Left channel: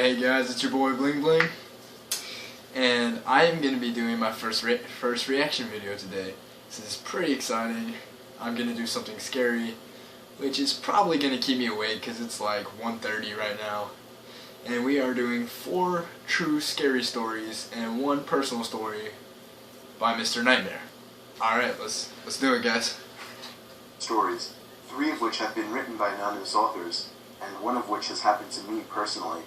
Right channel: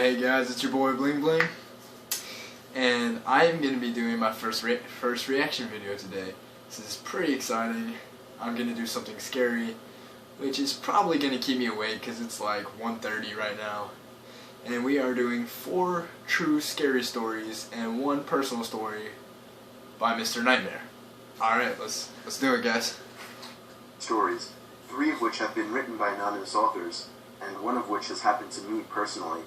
Hey guys, it's your boy BlingBling, and I am going to be doing my first reaction video today. This is pretty exciting. I'm going to do something scary, which is probably going to keep me awake because it's like 1:30 right now. And we are doing 4 true scary stories and 1 personal story by Mr.Nightmare. Alright, let's do it, guys. Stories, 3 of which have been written by anonymous authors, and 1 of which has happened to me personally.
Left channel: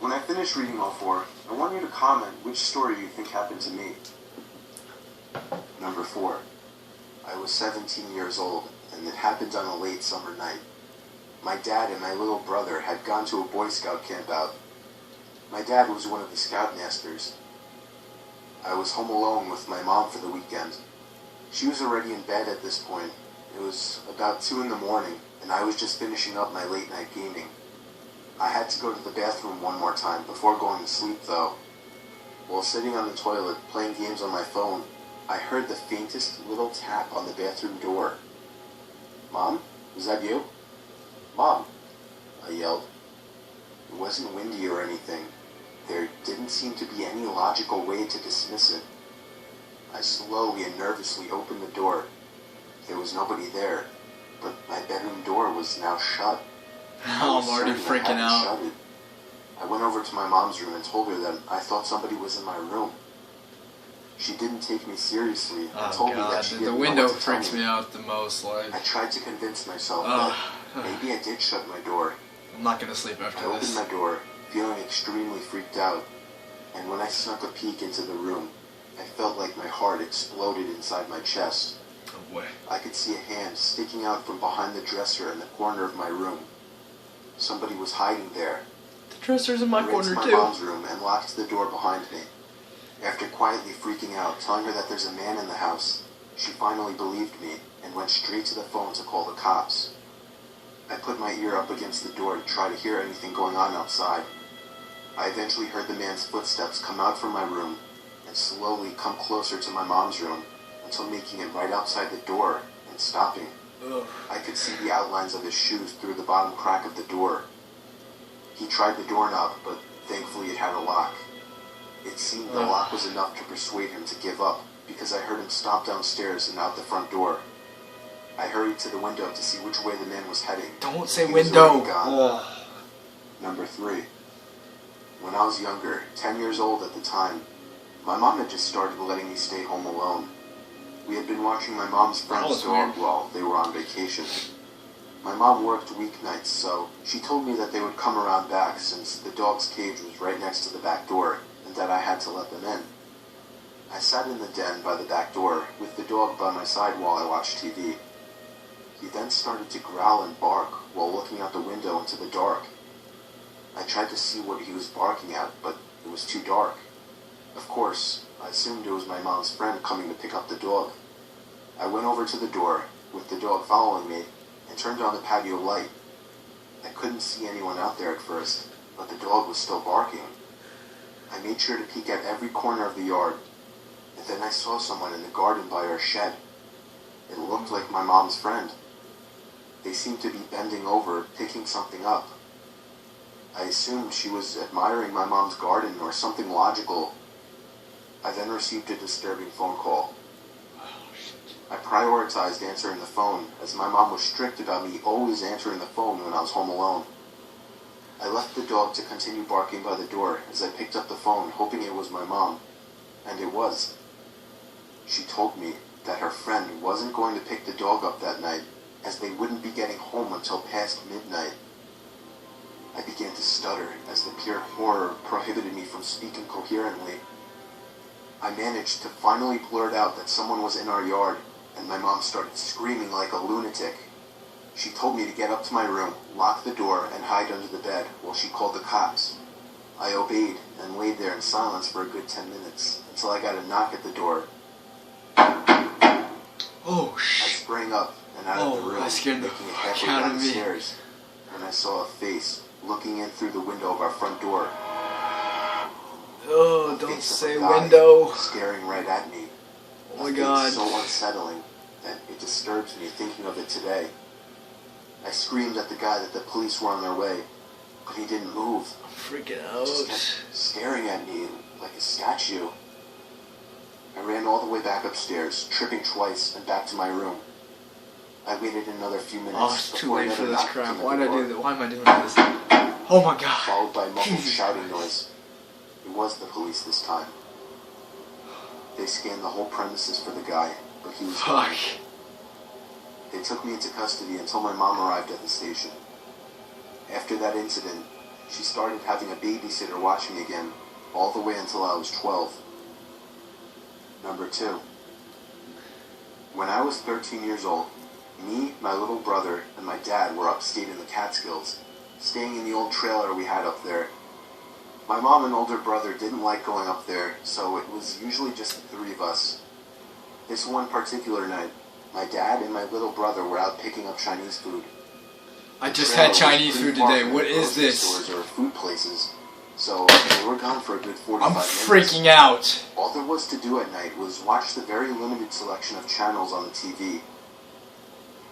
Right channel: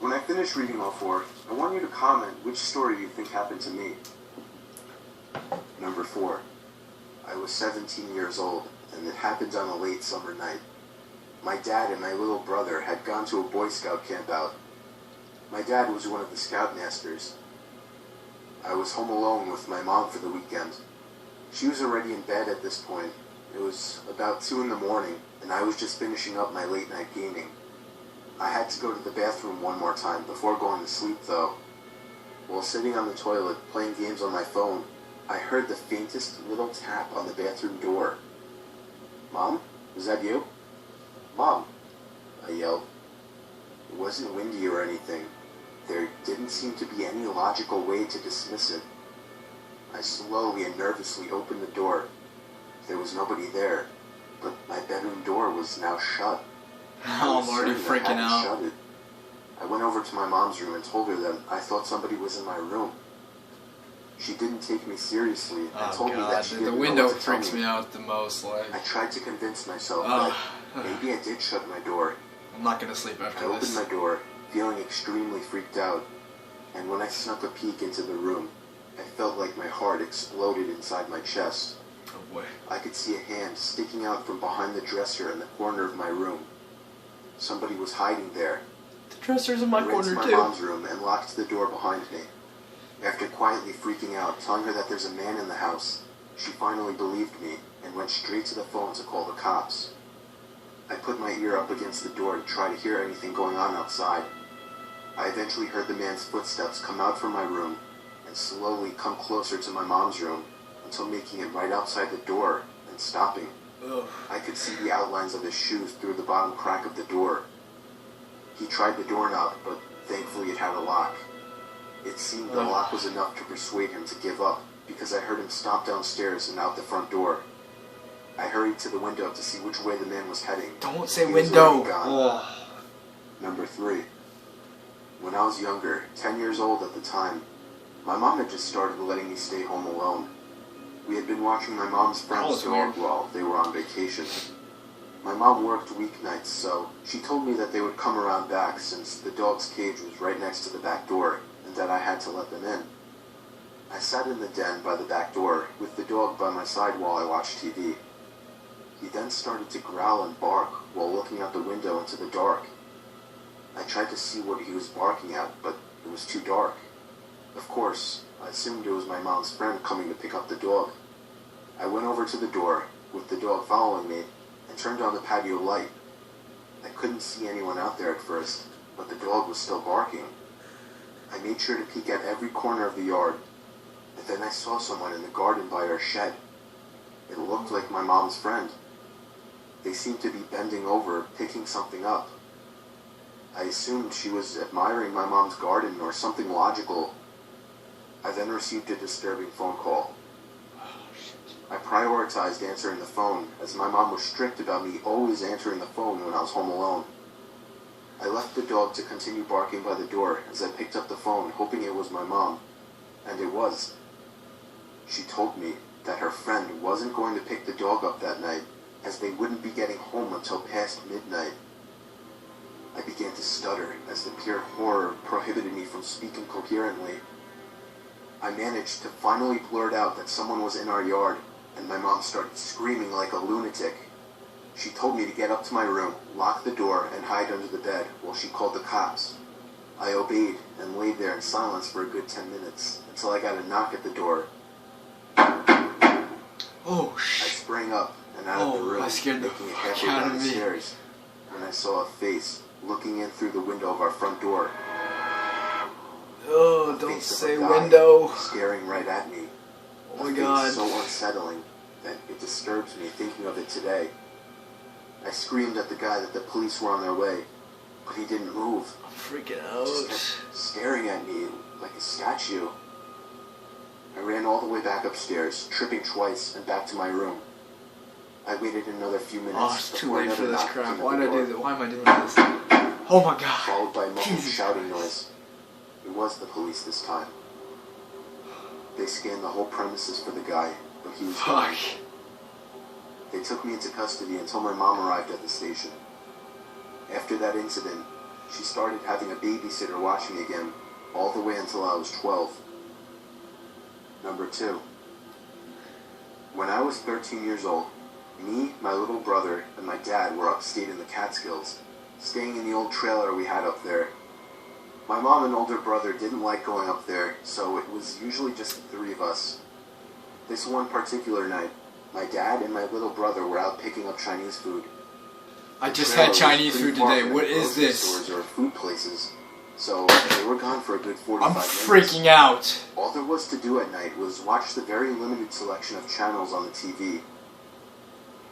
When I finish reading all 4, I want you to comment which story you think happened to me. Number 4. I was 17 years old, and it happened on a late summer night. My dad and my little brother had gone to a Boy Scout camp out. My dad was one of the scoutmasters. I was home alone with my mom for the weekend. She was already in bed at this point. It was about 2 in the morning, and I was just finishing up my late night gaming. I had to go to the bathroom one more time before going to sleep, though. While sitting on the toilet playing games on my phone, I heard the faintest little tap on the bathroom door. "Mom? Was that you?" "Mom," I yelled. It wasn't windy or anything. There didn't seem to be any logical way to dismiss it. I slowly and nervously opened the door. There was nobody there, but my bedroom door was now shut. I'm already freaking out. I went over to my mom's room and told her that I thought somebody was in my room. She didn't take me seriously and told me that she didn't the know window what to tell freaks me out the most. Like, I tried to convince myself that maybe I did shut my door. I'm not gonna sleep after I this. opened my door, feeling extremely freaked out, and when I snuck a peek into the room, I felt like my heart exploded inside my chest. Oh boy. I could see a hand sticking out from behind the dresser in the corner of my room. Somebody was hiding there. The dresser's in my corner too. I ran to my mom's room and locked the door behind me. After quietly freaking out, telling her that there's a man in the house, she finally believed me and went straight to the phone to call the cops. I put my ear up against the door to try to hear anything going on outside. I eventually heard the man's footsteps come out from my room and slowly come closer to my mom's room until making it right outside the door and stopping. Ugh. I could see the outlines of his shoes through the bottom crack of the door. He tried the doorknob, but thankfully it had a lock. It seemed the lock was enough to persuade him to give up, because I heard him stomp downstairs and out the front door. I hurried to the window to see which way the man was heading. Don't say window! Number 3. When I was younger, 10 years old at the time, my mom had just started letting me stay home alone. We had been watching my mom's friend's dog while they were on vacation. My mom worked weeknights, so she told me that they would come around back since the dog's cage was right next to the back door and that I had to let them in. I sat in the den by the back door with the dog by my side while I watched TV. He then started to growl and bark while looking out the window into the dark. I tried to see what he was barking at, but it was too dark. Of course, I assumed it was my mom's friend coming to pick up the dog. I went over to the door, with the dog following me, and turned on the patio light. I couldn't see anyone out there at first, but the dog was still barking. I made sure to peek at every corner of the yard, and then I saw someone in the garden by our shed. It looked like my mom's friend. They seemed to be bending over, picking something up. I assumed she was admiring my mom's garden or something logical. I then received a disturbing phone call. I prioritized answering the phone, as my mom was strict about me always answering the phone when I was home alone. I left the dog to continue barking by the door as I picked up the phone, hoping it was my mom. And it was. She told me that her friend wasn't going to pick the dog up that night, as they wouldn't be getting home until past midnight. I began to stutter as the pure horror prohibited me from speaking coherently. I managed to finally blurt out that someone was in our yard, and my mom started screaming like a lunatic. She told me to get up to my room, lock the door, and hide under the bed while she called the cops. I obeyed and laid there in silence for a good 10 minutes, until I got a knock at the door. Oh, I sprang up and out of the room, I scared the making a fuck headway out down of the me. stairs, and I saw a face looking in through the window of our front door. Oh, don't say window. Staring right at me. Oh my god. It's so unsettling that it disturbs me thinking of it today. I screamed at the guy that the police were on their way, but he didn't move. I'm freaking Just out. kept staring at me like a statue. I ran all the way back upstairs, tripping twice, and back to my room. I waited another few minutes. Oh, it's too late for this crap. Why Why did I do that? Why am I doing this? Oh my god. Followed by a muffled Jesus shouting Christ. noise. It was the police this time. They scanned the whole premises for the guy, but he was gone. Fuck. They took me into custody until my mom arrived at the station. After that incident, she started having a babysitter watch me again, all the way until I was 12. Number 2. When I was 13 years old, me, my little brother, and my dad were upstate in the Catskills, staying in the old trailer we had up there. My mom and older brother didn't like going up there, so it was usually just the 3 of us. This one particular night, my dad and my little brother were out picking up Chinese food. I just had Chinese food today. What is this? Stores or food places, so they were gone for a good 45 I'm minutes. freaking out. All there was to do at night was watch the very limited selection of channels on the TV.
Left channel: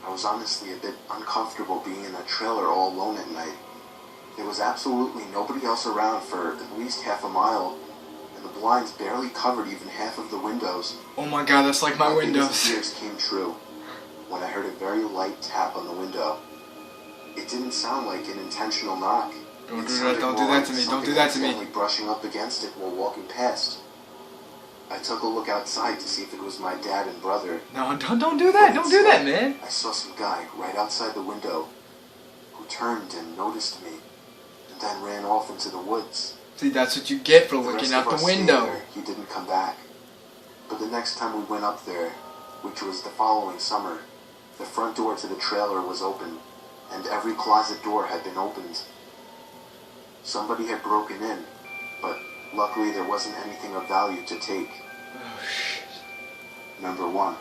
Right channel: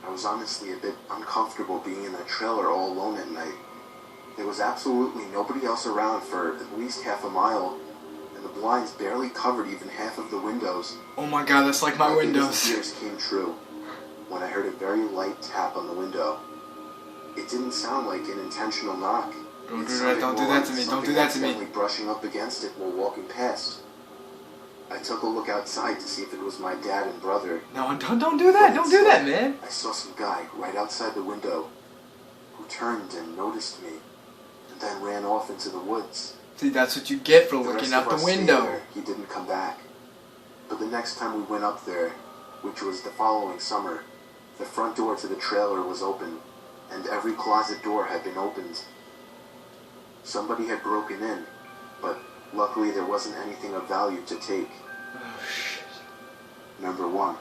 I was honestly a bit uncomfortable being in that trailer all alone at night. There was absolutely nobody else around for at least half a mile, and the blinds barely covered even half of the windows. Oh my god, that's like my windows. Fears came true when I heard a very light tap on the window. It didn't sound like an intentional knock. Don't do that, don't do that to me, don't do that to me. Something brushing up against it while walking past. I took a look outside to see if it was my dad and brother. No, don't do that, don't do that, man. I saw some guy right outside the window who turned and noticed me, and then ran off into the woods. See, that's what you get for The looking rest out of the us stayed window. there. He didn't come back. But the next time we went up there, which was the following summer, the front door to the trailer was open, and every closet door had been opened. Somebody had broken in, but luckily there wasn't anything of value to take. Oh shit. Number 1.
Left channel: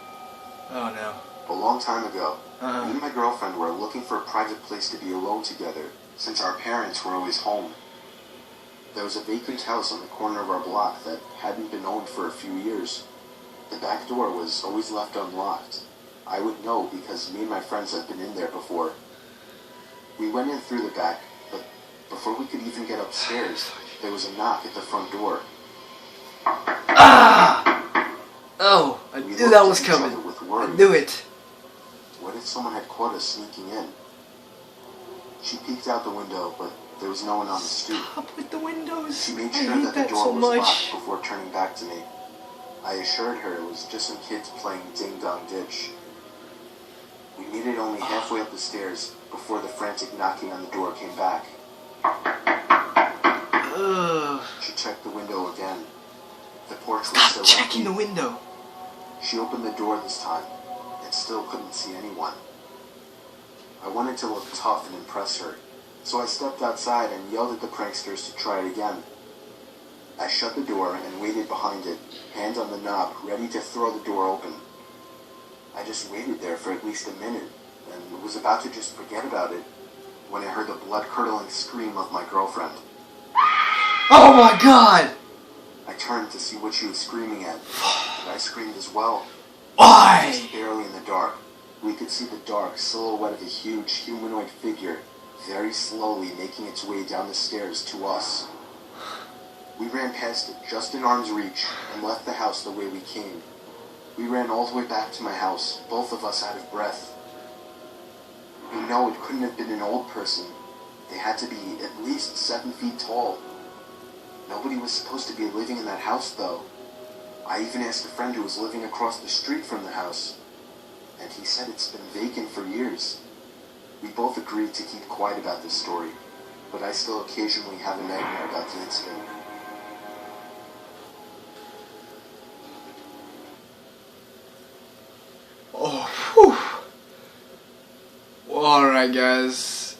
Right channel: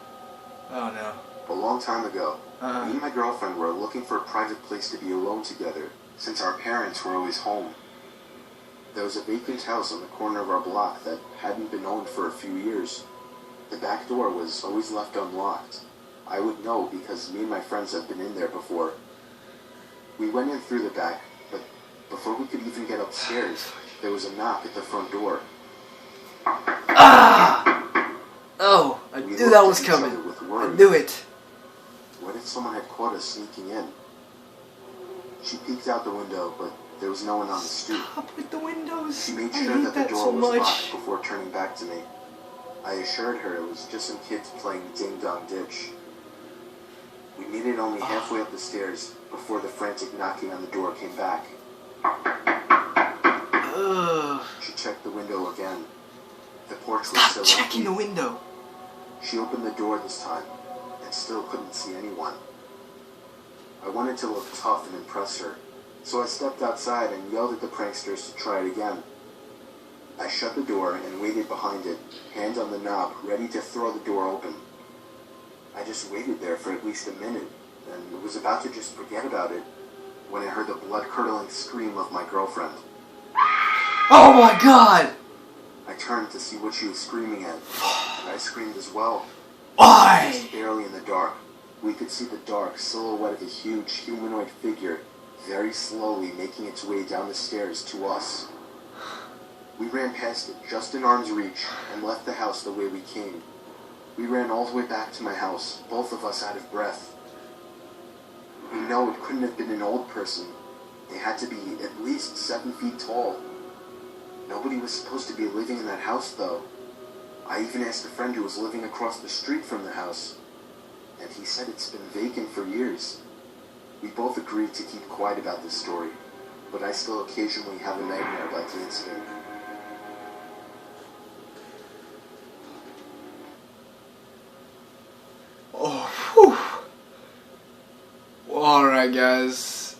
Oh no. A long time ago, me Uh-huh. and my girlfriend were looking for a private place to be alone together, since our parents were always home. There was a vacant house on the corner of our block that hadn't been owned for a few years. The back door was always left unlocked. I would know because me and my friends had been in there before. We went in through the back, but before we could even get upstairs, there was a knock at the front door. Ah! Oh, I We knew looked that at was each coming. other with I worry. knew it. What if someone had caught us sneaking in? She peeked out the window, but there was no one on the stoop. Stop with the windows. She made I sure hate that the that door so was much. locked before turning back to me. I assured her it was just some kids playing ding-dong ditch. We made it only halfway up the stairs before the frantic knocking on the door came back. Ugh. She checked the window again. The porch was Stop still checking the empty. window. She opened the door this time and still couldn't see anyone. I wanted to look tough and impress her, so I stepped outside and yelled at the pranksters to try it again. I shut the door and waited behind it, hand on the knob, ready to throw the door open. I just waited there for at least a minute, and was about to just forget about it, when I heard the blood-curdling scream of my girlfriend. Oh my god! I turned to see what she was screaming at, and I screamed as well. Why? Just barely in the dark, we could see the dark silhouette of a huge humanoid figure very slowly making its way down the stairs to us. We ran past it just in arm's reach and left the house the way we came. We ran all the way back to my house, both of us out of breath. We know it couldn't have been an old person. They had to be at least 7 feet tall. Nobody was supposed to be living in that house, though. I even asked a friend who was living across the street from the house, and he said it's been vacant for years. We both agreed to keep quiet about this story, but I still occasionally have a nightmare about the incident. Oh, whew. Well, alright, guys.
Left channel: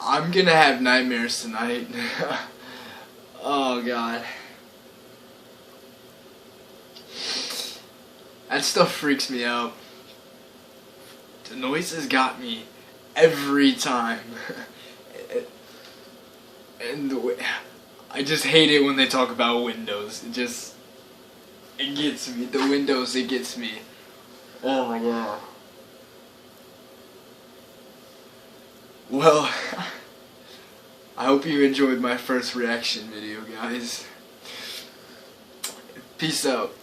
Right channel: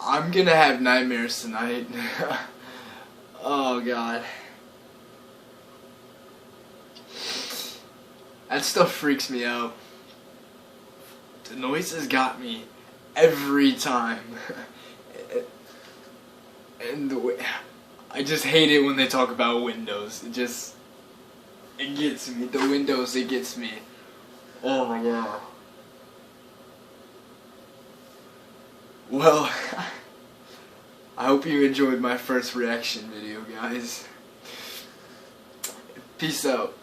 I'm gonna have nightmares tonight. Oh, God. That stuff freaks me out. The noises got me every time. And the way, I just hate it when they talk about windows. It gets me. The windows, it gets me. Oh my god. Well, I hope you enjoyed my first reaction video, guys. Peace out.